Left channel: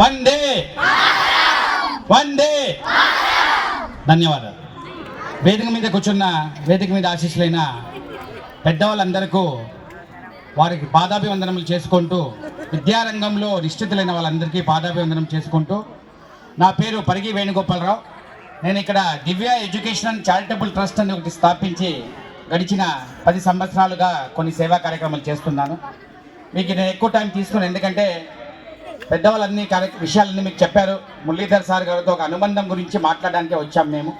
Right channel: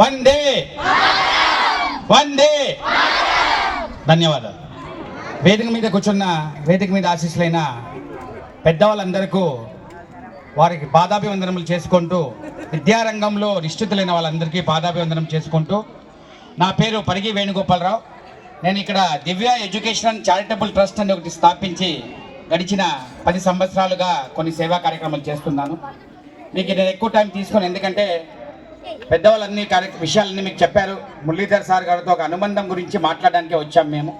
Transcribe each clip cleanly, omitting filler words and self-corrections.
వందే వందే. ధన్యవాదాలు. వేదిక మీద కూర్చున్న వేదిక మీద ఆశీస్సులైన పెద్దవాళ్ళందరికీ వారికి పాదాభివందనములు చేసుకుంటూ, విద్యారంగంలో నిశ్చితులైన వాళ్ళందరికీ పాదాభివందనం చేసుకుంటూ, నా పేరు పరిగి వేణుగోపాలరావు. నేను ఇక్కడ దివ్య ఎడ్యుకేషన్ అండ్ చారిటబుల్ ట్రస్ట్ అని ఒకటి స్థాపించి గడిచిన 10 సంవత్సరాలుగా కొన్ని సేవా కార్యక్రమాలు చేస్తున్నాను. మీకు నేను ఎక్కువ టైం తీసుకోను, ఎందుకంటే పెద్దవాళ్ళన్నీ విషయాలన్నీ మీకు చెప్పారు. మురళీధర్ సార్ గారితో ఒక అనుబంధం గురించి మాట్లాడడానికే వచ్చాం మేము.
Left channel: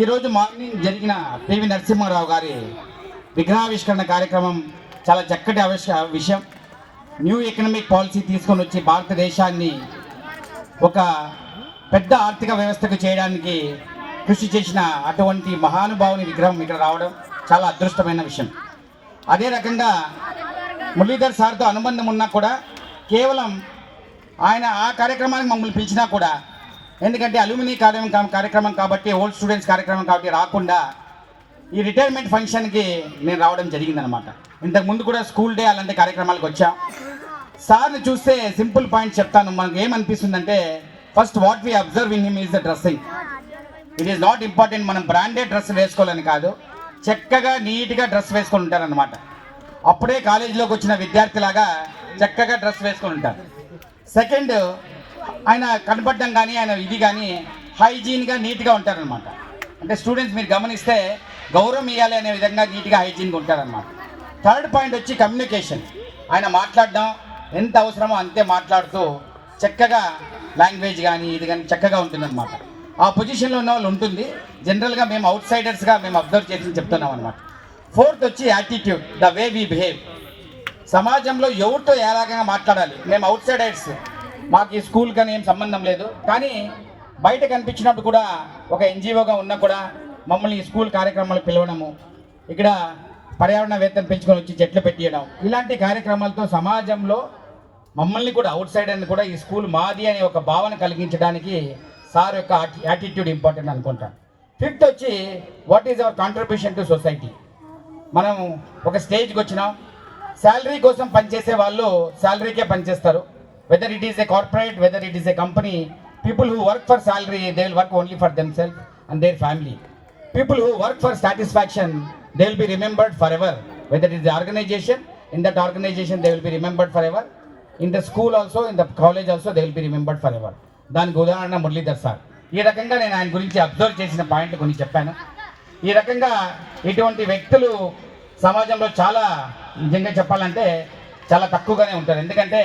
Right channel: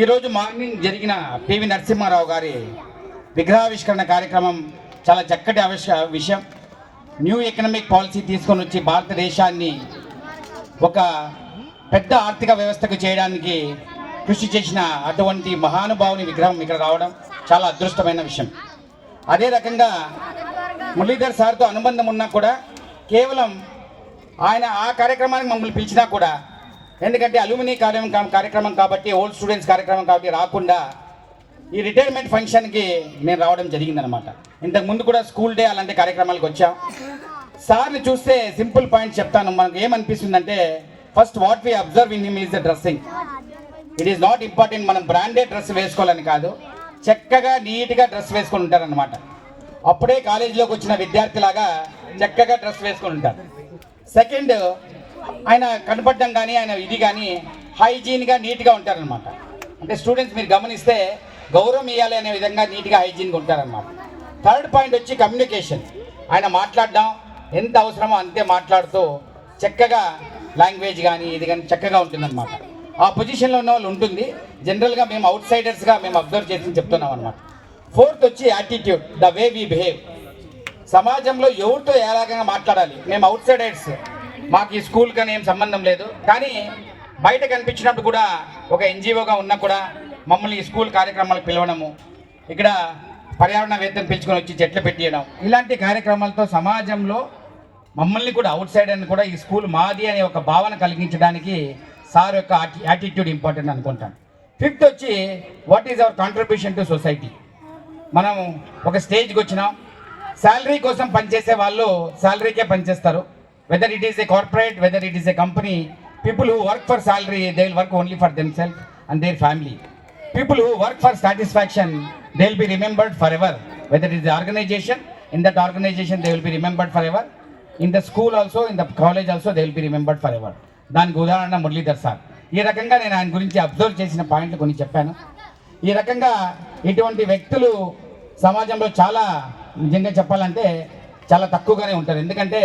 ఈరోజు మార్నింగ్ జరిగిన పివి నరసింహారావు గారి విగ్రహావిష్కరణ కార్యక్రమం చాలా చక్కటి విషయం. న్యూ ఎకనామిక్ పాలసీ తీసుకొని వచ్చి భారతదేశాన్ని ఒక పెద్ద ఆర్థిక వ్యవస్థకు చేయడానికి కృషి చేసిన అటువంటి మహానుభావుని విగ్రహం ఇక్కడ రావడం చాలా అదృష్టమైన విషయం. అదే రకంగా మురళీధర్ సార్తో అనుబంధం ఉన్నా కూడా, కేవలం ఆయన ఆ కార్యక్రమానికి మమ్మల్ని పిలిచినా కూడా, ఎందుకంటే అల్యూమినీ కార్యక్రమం కాబట్టి, ఓల్డ్ స్టూడెంట్స్ కార్యక్రమం కాబట్టి రాకుండా ఈ రిటైర్మెంట్ ఫంక్షన్కి నేను రావడం జరిగిందనమాట. ఇంతకుముందు కూడా స్కూల్ డే అలాంటి కార్యక్రమాలకు వచ్చా. సార్ని చూస్తే సింపుల్ పాయింట్ చెప్తాను. మనకు ఏమనిపిస్తుందంటే, first what we observe in him is the dressing. It is not important మనం బ్రాండెడ్ డ్రెస్ వేసుకోవాలని కాదు, చక్కగా నీట్గా డ్రెస్ వేసుకొని ఉంటారనమాట. అప్పుడే కాలేజీలోకి వచ్చిన విద్యార్థిలాగా చక్కగా డ్రెస్ వేసుకొని ఉంటారు. సెకండ్, ఆయన కనపడడం కానీ ఆయన ఇది కానీ హైజీన్గా నీట్గా ఉంటారనమాట. అంటే స్టూడెంట్స్ మీరు గమనిస్తే గౌరవం ఇవ్వాలి అనే విధంగా నీట్గా హైజీన్గా ఉంటారనమాట. థర్డ్ పాయింట్ వచ్చి కమ్యూనికేషన్. ఆయన మాట్లాడడం ఎంత అవసరమో అంతే మాట్లాడుతూ చక్కగా లాంగ్వేజ్ కానీ ఇది కానీ చక్కగా ఉంటుందన్నమాట. ఆ పొజిషన్లో ఉన్న వాళ్ళు ఉంటుంది. జనరల్గా మేము అవుట్ సైడర్స్గా మేము అబ్జర్వ్ చేసి చెప్తున్నాం అనమాట. ఫోర్త్ వచ్చి attitude, the way we behave. సమాజంలో ఎవరితో ఏ రకంగా మాట్లాడాలి. మేము అవుట్ సైడర్స్, మాకు ఈ స్కూల్ కానీ ఏం సంబంధం లేదు, కానీ బయట కనిపించినప్పుడు కూడా ఒక ఎన్జిఓగా ఉన్నా కూడా మమ్మల్ని ఈ స్కూల్ కార్యక్రమాలకు పిలవడము, ఇక్కడ పర్యావరణవేత్తను పిలుచుకొని వచ్చి చెట్లు పెట్టియడం, ఇలాంటి కార్యక్రమాలతో సమాజంలో మమ్మల్ని కూడా అవుట్ సైడర్ని కూడా ఈ స్కూల్ మాది అనే ఒక భావన కలిగించడానికి సార్ యొక్క యాటిట్యూడ్ ఇంపార్టెంట్ అనుకుంటాను. ఫిఫ్త్ వచ్చి what is our contribution to society. మనం ఒక స్టేజ్కి వచ్చినాం, శాలరీ కోసం పనిచేసే వాళ్ళు శాలరీకే పనిచేస్తారు. Whether it is a corporate, whether it is a company, people who work for salary they will work only for them self and their family. People who work for satisfaction they will be remembered forever. Whether it is organisation, in that organisation they will be remembered forever. In the school also, in the college also they will be remembered forever. దానికి ఉదాహరణ Muralidhar sir. ఈ రకంగా నేను ఆయన గురించి observe చేసిన పాయింట్లు కొన్ని చెప్పాను. ఈ రకంగా ఇటువంటి వ్యక్తులు సమాజంలో చాలా, నిజంగా చెప్పాలంటే చాలా తక్కువగానే ఉంటారు. ఎందుకంటే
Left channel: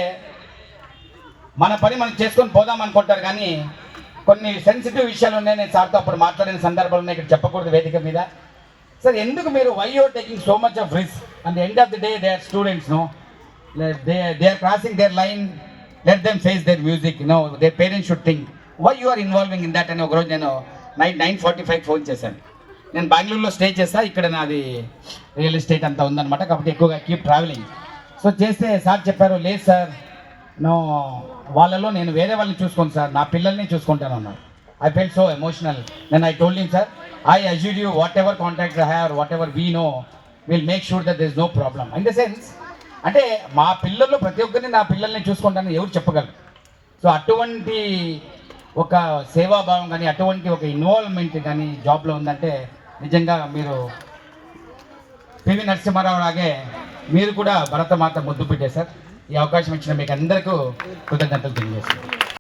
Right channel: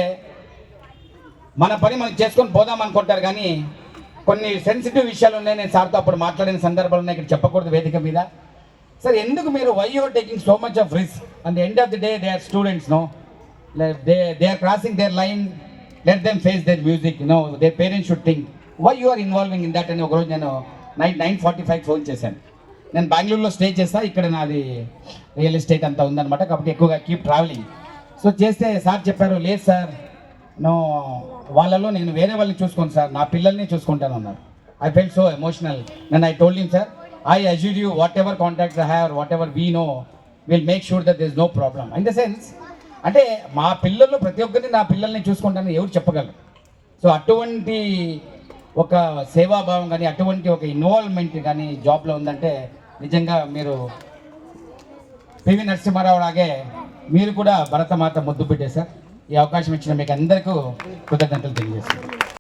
మన పని మనం చేసుకొని పోదాం అనుకుంటారు, కానీ కొన్ని సెన్సిటివ్ విషయాలు ఉన్నాయి. నేను సార్తో అప్పుడు మాట్లాడిన సందర్భాలు ఉన్నాయి, ఇక్కడ చెప్పకూడదు వేదిక మీద. సార్, ఎందుకు మీరు why you are taking so much of risk? And end of the day they are students, no, they are crossing their line, let them face their music, no, their parents should think why you are involving in that అని ఒకరోజు నేను night 9:45 phone చేశాను. నేను బెంగళూరులో stay చేస్తాను, ఇక్కడ నాది real estate అంతా ఉందన్నమాట, కాబట్టి ఎక్కువగా కీప్ ట్రావెలింగ్. సో చేస్తే సార్ చెప్పారు, లేదు సార్, వాళ్ళలో నేను వేరే వాళ్ళని చూసుకోను సార్, నా పిల్లల్ని చూసుకుంటాను అన్నారు. I felt so emotional. Then I told him, sir, I assure you whatever contacts I have, whatever we know, will make sure that there is no problem. In the sense, అంటే మా పిల్లల్లో ప్రతి ఒక్కరిని నా పిల్లల్ని చూసుకుంటానని ఎవరు చెప్పగలరు? So అటువంటి ఒక సేవాభావం కానీ, అటువంటి ఒక ఇన్వాల్వ్మెంట్ కానీ జాబ్లో ఉందంటే నిజంగా మీరు పివి నరసింహారావు లాగే మీరు కూడా భరతమాత ముద్దు పెట్టేశారు. ఈ అవకాశం ఇచ్చిన మీకు అందరికీ కృతజ్ఞతలు తెలియజేస్తాను.